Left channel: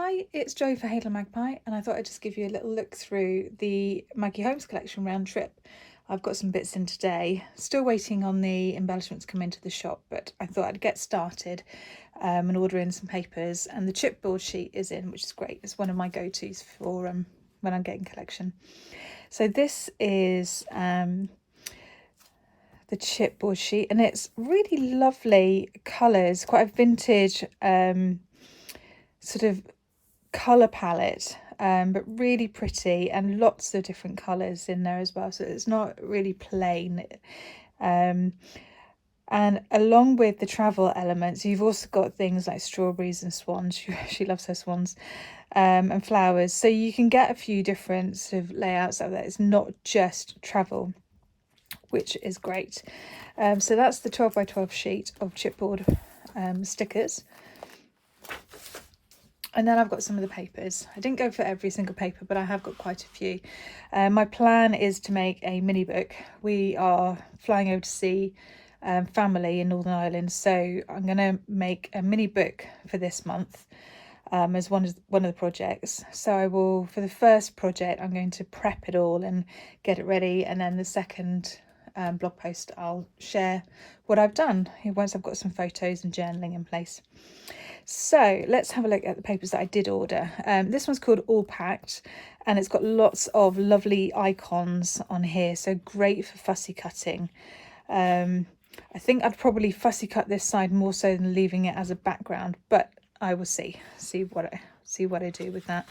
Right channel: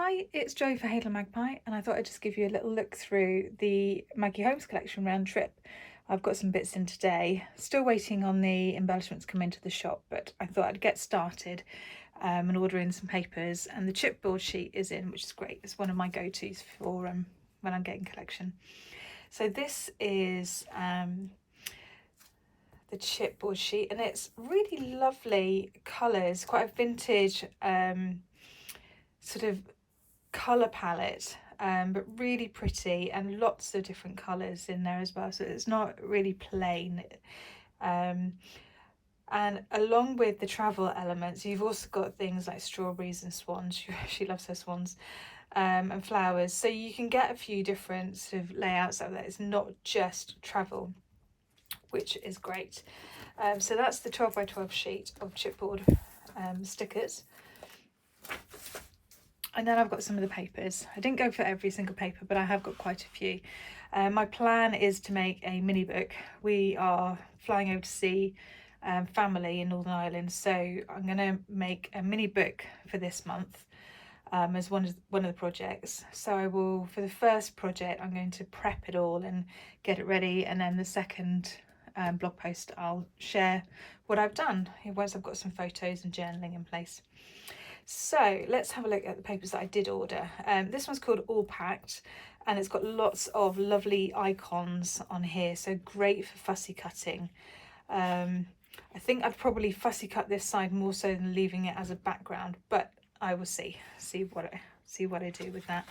Hi, it's Jo for Hey Little Magpie, and I thought I'd just give you a little look through the Maggie Holmes collection round trip. I've got some bits in today, still waiting on the embellishments to come into the shop, but I thought I'd get started and order in some papers, and the chipboard sheet is in, which is great. It's one of my go-tos for when I'm getting collection. So this is the chipboard sheet, and it's really lovely colours, quite a vintage sort of colour palette, but really pretty, and lots of different colours in there as well, so it's not really plain. And along with the travel elements, you've also got things like strawberries and swans. She loves her swans, and flowers, so you can get a few different sort of layouts out there. It's not just travel, which is great. So that's the 12 by 12 sheet of chipboard stickers. And then I've got some of the papers. I didn't go for every single paper, but I have got quite a few. My plan is to make a mini book. We are flying over to see family in Northern Ireland, so I'm going to make a mini book for this month as one of the projects. So I will, for the first project, I'm going to prep it all and get it ready, and then the second blog post I'll share what I've done once I've got some photos and journaling in place. So let's have a look at the papers that I did order. This one's called All Packed, and it's got lots of lovely icons on here, so great for fussy cutting. I think I'd probably fussy cut this side more so than leaving it as a background, but I will see what I do with that.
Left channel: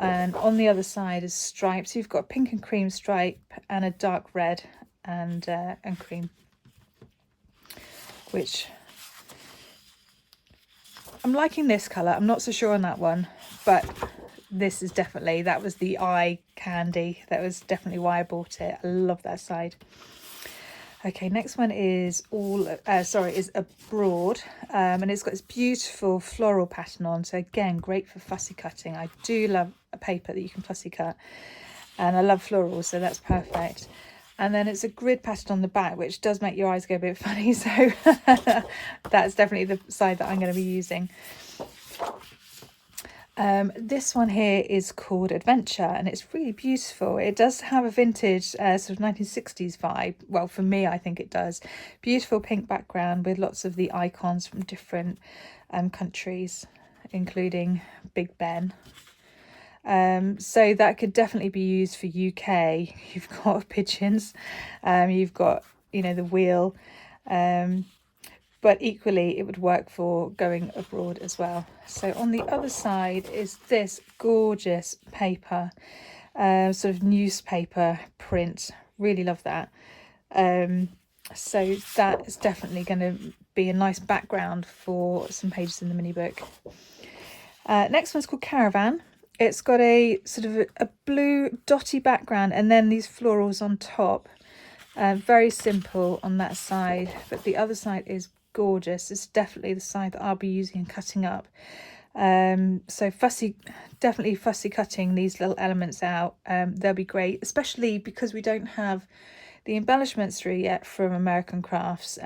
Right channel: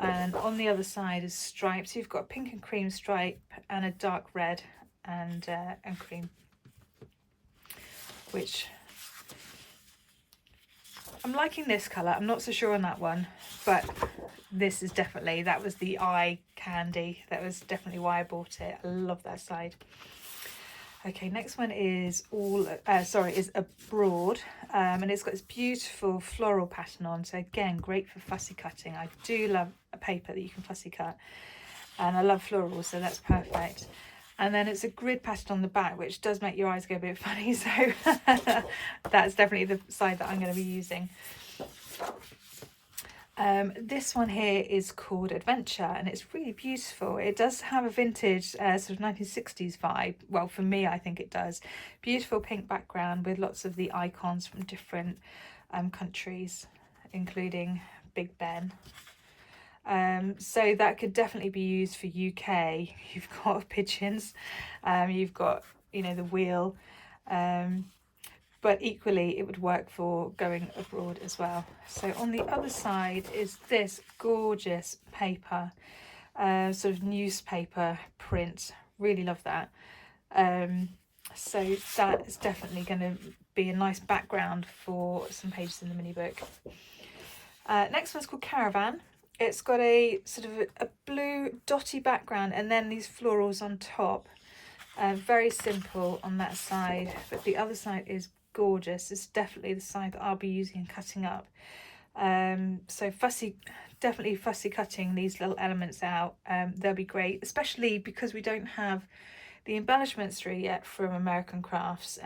And on the other side is stripes. You've got a pink and cream stripe and a dark red and cream, which I'm liking this colour. I'm not so sure on that one, but this is definitely, that was the eye candy. That was definitely why I bought it. I love that side. Okay, next one is is Abroad, and it's got this beautiful floral pattern on. So again, great for fussy cutting. I do love a paper that you can fussy cut, and I love florals, so that's perfect. And then it's a grid pattern on the back, which does make your eyes go a bit funny. So that's definitely the side that I'm going to be using. This one here is called Adventure, and it's really beautiful. It does have a vintage sort of 1960s vibe. Well, for me, I think it does. Beautiful pink background with lots of the icons from different countries, including Big Ben. So that could definitely be used for UK. You've got pigeons, you've got, the wheel, but equally it would work for going abroad as well. So on the other side is this gorgeous paper, sort of newspaper print. Really love that. So that is definitely going to be a nice background for some pages in the mini book. Next one's called Caravan. It's got a sort of a blue dotty background and then these florals on top. Very simple on that side, but the other side is gorgeous. It's definitely the side that I'll be using and cutting up. So definitely fussy cutting these little elements out. They'll be great, especially because we don't have the embellishments through yet from American Crafts.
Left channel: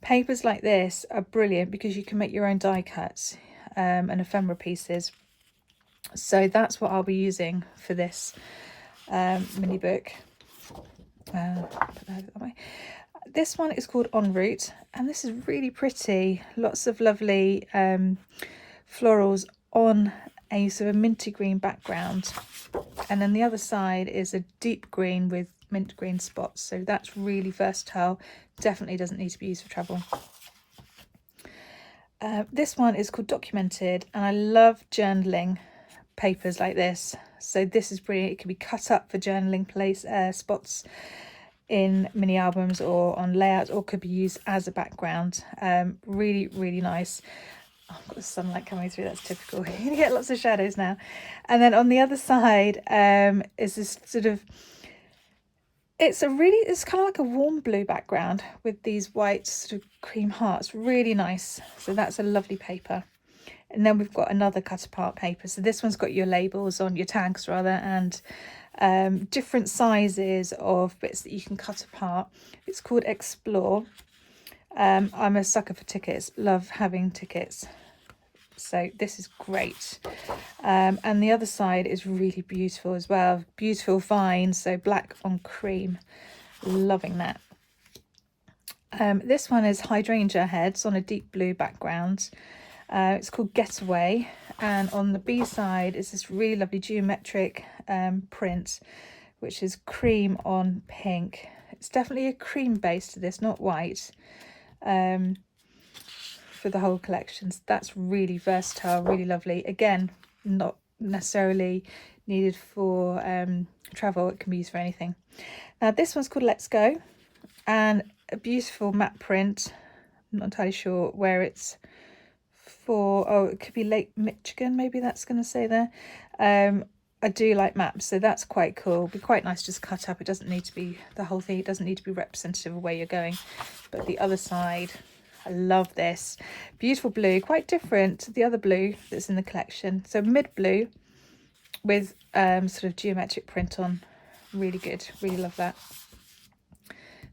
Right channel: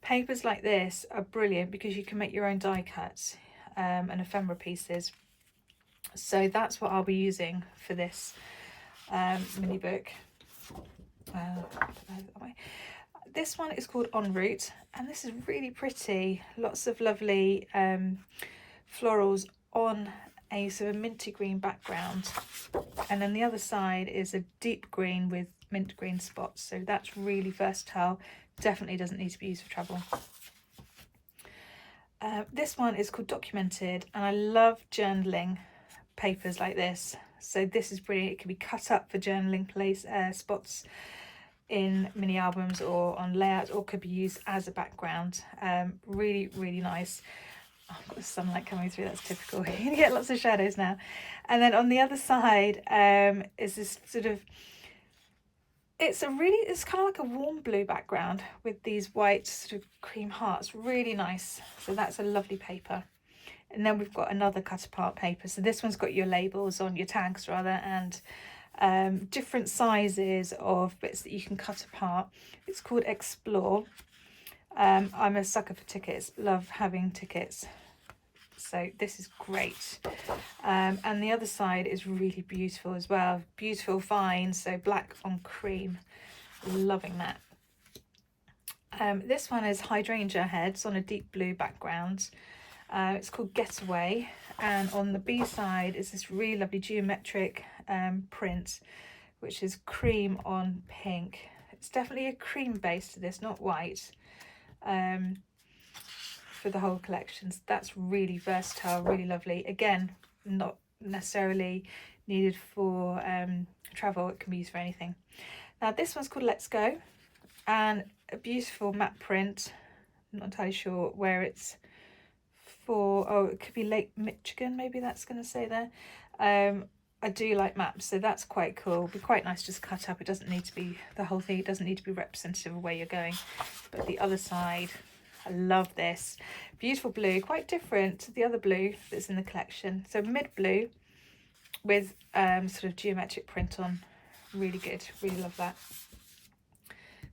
Papers like this are brilliant because you can make your own die cuts and ephemera pieces. So that's what I'll be using for this mini book. This one is called En Route, and this is really pretty. Lots of lovely florals on a sort of minty green background, and then the other side is a deep green with mint green spots, so that's really versatile. Definitely doesn't need to be used for travel. This one is called Documented, and I love journaling papers like this, so this is brilliant. It can be cut up for journaling spots in mini albums or on layouts, or could be used as a background. Really nice. Oh, I've got the sunlight coming through, that's typical. You're gonna get lots of shadows now. And then on the other side is this sort of, it's kind of like a warm blue background with these white sort of cream hearts. Really nice. So that's a lovely paper. And then we've got another cut apart paper. So this one's got your labels on, your tags rather, and different sizes of bits that you can cut apart. It's called Explore. I'm a sucker for tickets, love having tickets. So this is great. And the other side is really beautiful as well. Beautiful vines, so black on cream. Loving that. This one is hydrangea heads on a deep blue background. It's called Getaway, and on the B side is this really lovely geometric print, which is cream on pink. It's definitely a cream base to this, not white, for the whole collection. So that's really versatile, really lovely. Again, not necessarily needed for travel, it can be used for anything. Now this one's called Let's Go, and a beautiful matte print. I'm not entirely sure where it's for. Oh, it could be Lake Michigan, maybe that's going to say there. I do like maps, so that's quite cool. It'd be quite nice just cut up. It doesn't need to be the whole thing. It doesn't need to be representative of where you're going. But the other side, I love this. Beautiful blue, quite different to the other blue that's in the collection. So mid blue with sort of geometric print on. Really good, really love that.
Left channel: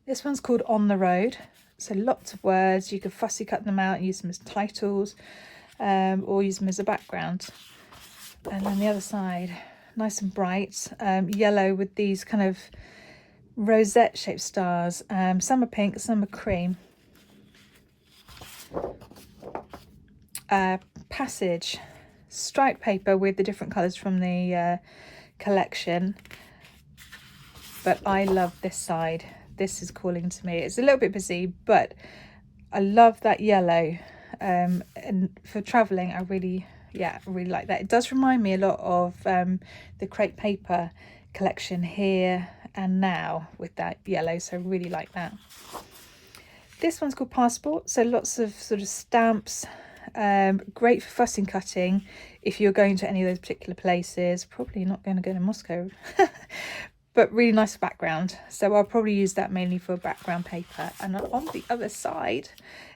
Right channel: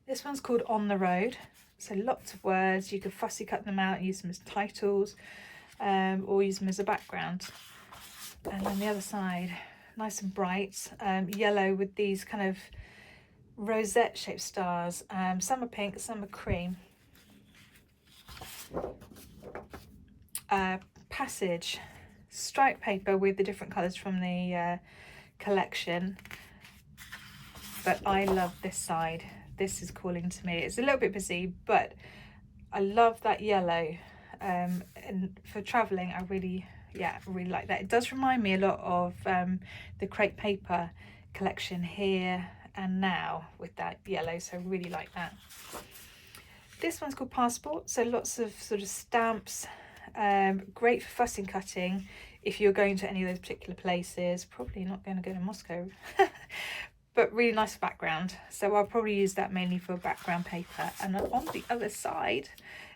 This one's called On the Road. So lots of words. You can fussy cut them out and use them as titles, or use them as a background. And on the other side, nice and bright, yellow with these kind of rosette shaped stars. Some are pink, some are cream. Passage, striped paper with the different colours from the collection. But I love this side. This is calling to me. It's a little bit busy, but I love that yellow. And for travelling, I really like that. It does remind me a lot of the crepe paper collection Here and Now with that yellow, so I really like that. This one's called Passport, so lots of sort of stamps. Great for fussing cutting if you're going to any of those particular places. Probably not going to go to Moscow. But really nice background, so I'll probably use that mainly for background paper. And on the other side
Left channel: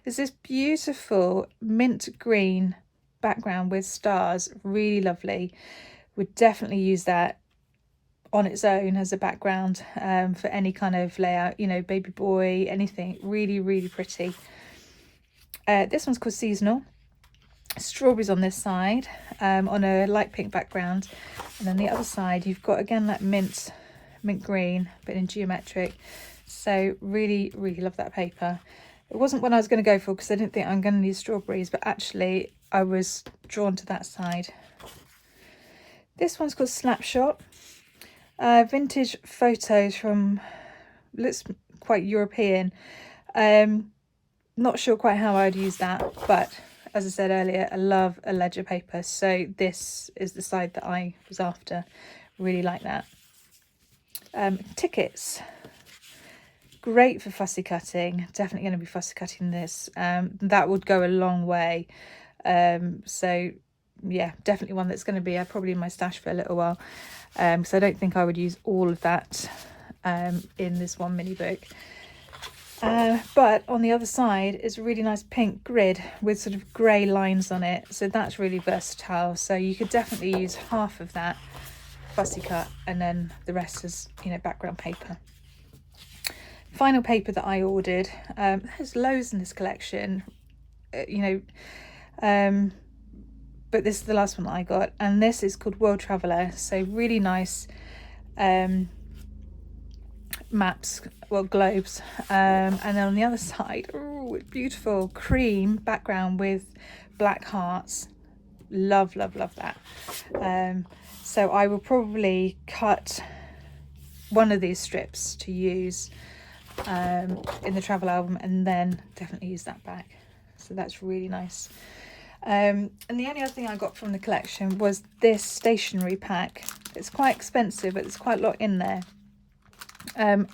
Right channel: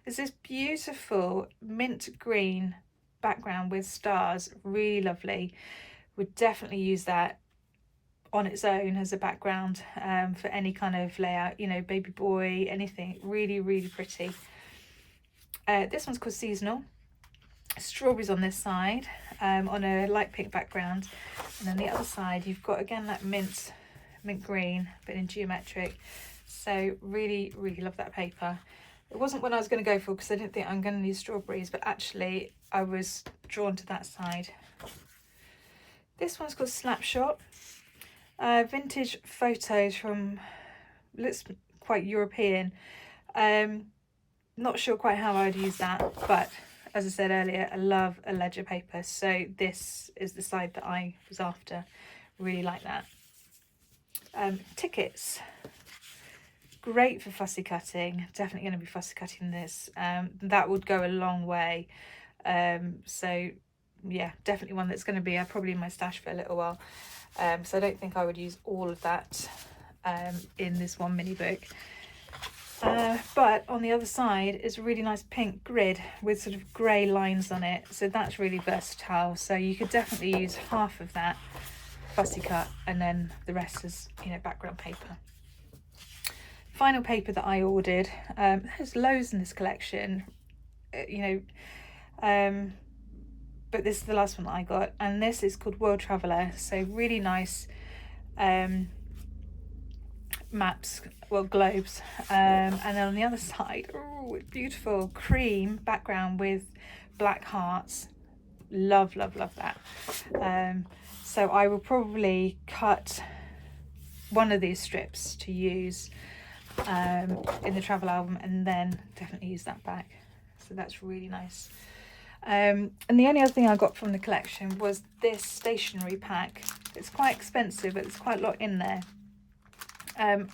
is this beautiful mint green background with stars. Really lovely. Would definitely use that on its own as a background for any kind of layout, you know, baby boy, anything. Really, really pretty. This one's called Seasonal. Strawberries on this side, on a light pink background, and then the other side you've got again that mint green but in geometric. So really, really love that paper. It wasn't one I was going to go for because I didn't think I'm going to need strawberries, but actually I was drawn to that side. This one's called Snapshot. Vintage photos from, looks quite European. Not sure quite how I'd use that, but as I said earlier, I love a ledger paper, so this is the side that I was after. Really like that. Tickets, great for fussy cutting. Definitely going to be fussy cutting this. That would go a long way. So yeah, definitely one that's going to be probably in my stash for a little while. So I don't think I would use all of that in this one mini book. But on the other side is a really nice pink grid with sort of grey lines on it. So that's really versatile. So you could definitely use half of that fussy cut and then the rest is, you know, background paper. Final paper that I ordered, there's loads in this collection, you know, but this is the last one that I got, and this is called World Traveller. So really nice maps, well, globes, and then on the other side, oh, beautiful cream background with black hearts. Love that. So I will probably cut one of these strips to use in the travel album, and then definitely use that back. So that's really nice. And the only other thing I got from the collection was this stationery pack. It's quite expensive, but there's quite a lot in there. And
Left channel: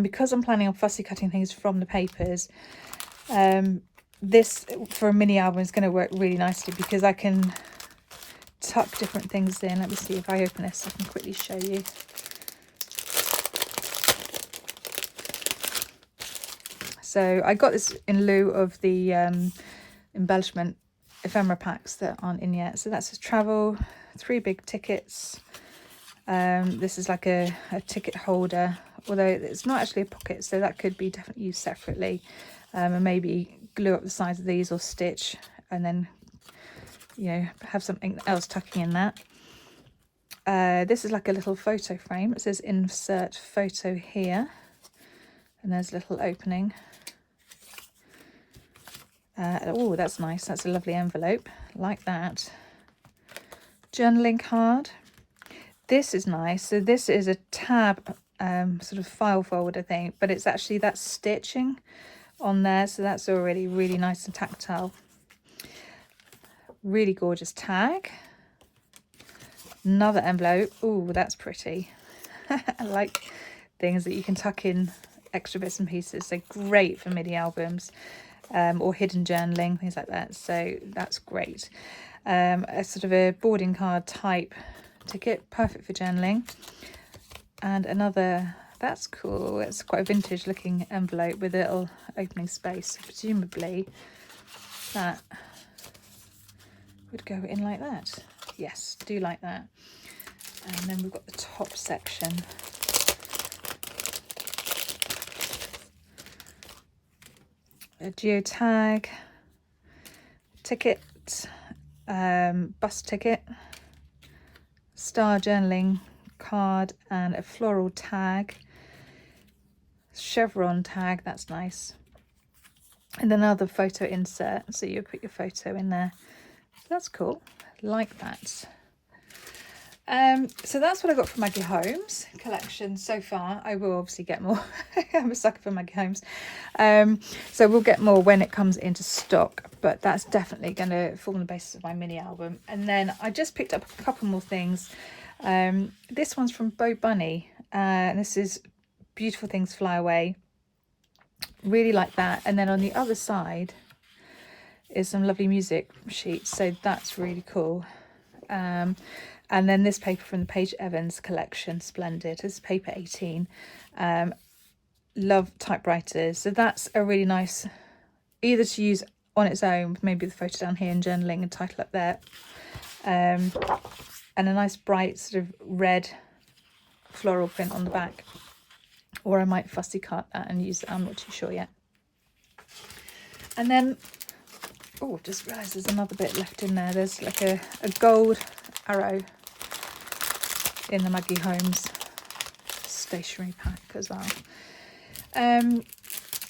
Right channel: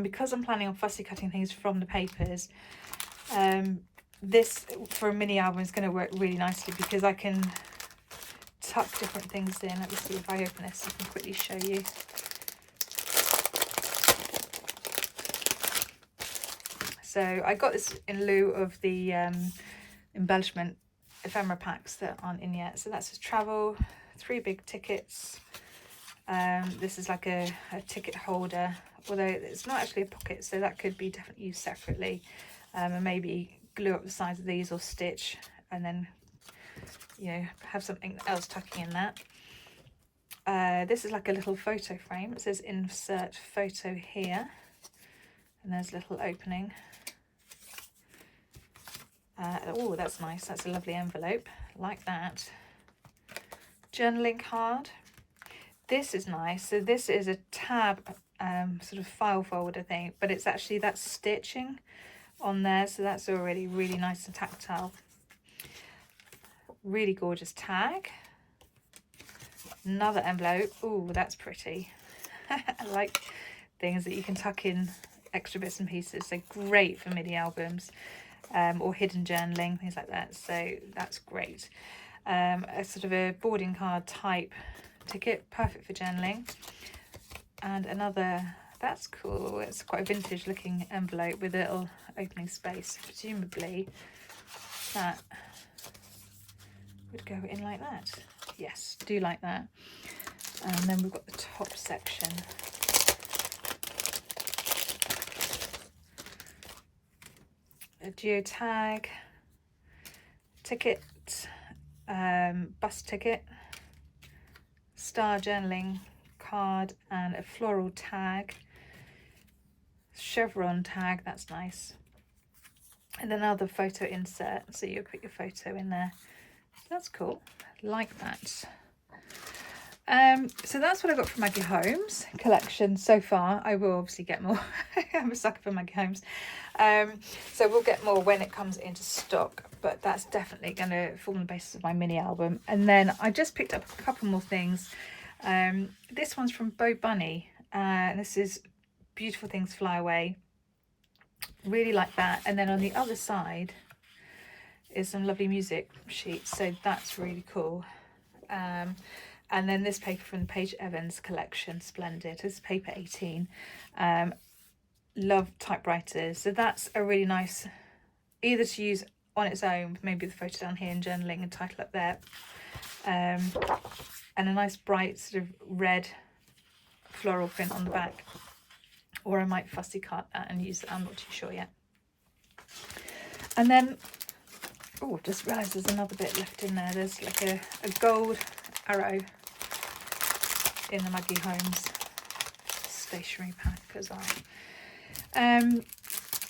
because I'm planning on fussy cutting things from the papers, this for a mini album is going to work really nicely because I can tuck different things in. Let me see if I open this, I can quickly show you. So I got this in lieu of the embellishment ephemera packs that aren't in yet. So that's just travel, 3 big tickets. This is like a ticket holder, although it's not actually a pocket, so that could be definitely used separately. And maybe glue up the sides of these or stitch and then you know, have something else tucking in that. This is like a little photo frame. It says insert photo here, and there's a little opening. Oh, that's nice. That's a lovely envelope, like that. Journaling card. This is nice. So this is a tab sort of file folder thing, but it's actually that stitching on there, so that's already really nice and tactile. Really gorgeous tag. Another envelope. Oh, that's pretty. I like things that you can tuck in extra bits and pieces. So great for mini albums or hidden journaling, things like that. So that's great. A sort of a boarding card type ticket, perfect for journaling. And another, that's cool. It's quite a vintage looking envelope with a little opening space. Presumably that would go in like that. Yes, do like that. And then we've got the top section. A geotag, ticket, bus ticket, star journaling card, and a floral tag, chevron tag, that's nice. And another photo insert, so you put your photo in there. That's cool, like that. So that's what I got from Maggie Holmes collection so far. I will obviously get more. I'm a sucker for Maggie Holmes. So we'll get more when it comes into stock, but that's definitely going to form the basis of my mini album. And then I just picked up a couple more things. This one's from Bo Bunny, and this is Beautiful Things Fly Away. Really like that. And then on the other side is some lovely music sheets, so that's really cool. And then this paper from the Paige Evans collection, splendid. This is paper 18. Love typewriters, so that's a really nice, either to use on its own, maybe the photo down here and journaling and title up there, and a nice bright sort of red floral print on the back, or I might fussy cut that and use it. I'm not too sure yet. And then, oh, I've just realised there's another bit left in there. There's like a gold arrow in the Maggie Holmes stationery pack as well.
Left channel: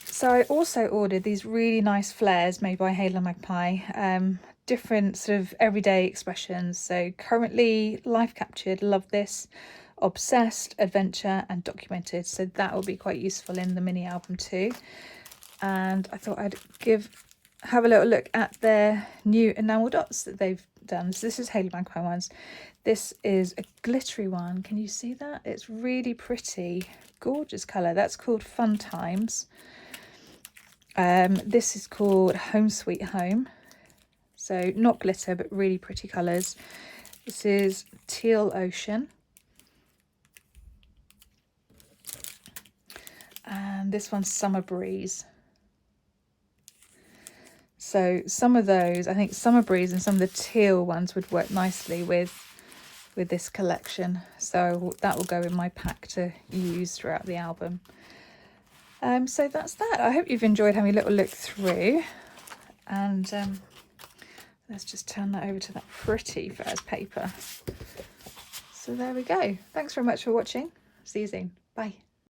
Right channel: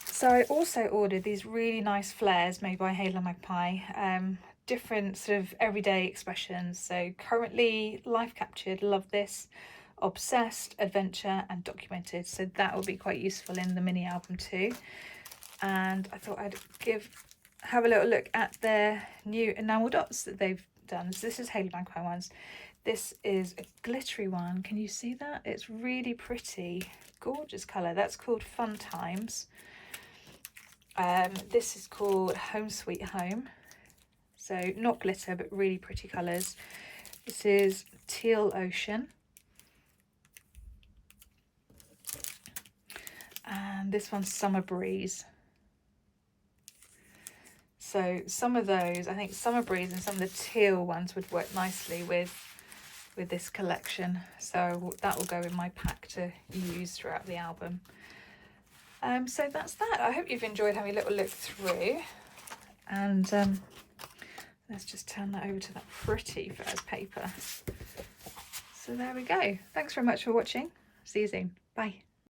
So I also ordered these really nice flares made by Hey Little Magpie, different sort of everyday expressions. So currently life captured, love this, obsessed, adventure, and documented. So that will be quite useful in the mini album too. And I thought I'd have a little look at their new enamel dots that they've done. So this is Hey Little Magpie ones. This is a glittery one. Can you see that? It's really pretty, gorgeous colour. That's called Fun Times. This is called Home Sweet Home. So not glitter, but really pretty colours. This is Teal Ocean. And this one's Summer Breeze. So some of those, I think Summer Breeze and some of the teal ones would work nicely with this collection. So that will go in my pack to use throughout the album. So that's that. I hope you've enjoyed having a little look through. And let's just turn that over to that pretty fairs paper. So there we go. Thanks very much for watching. See you soon. Bye.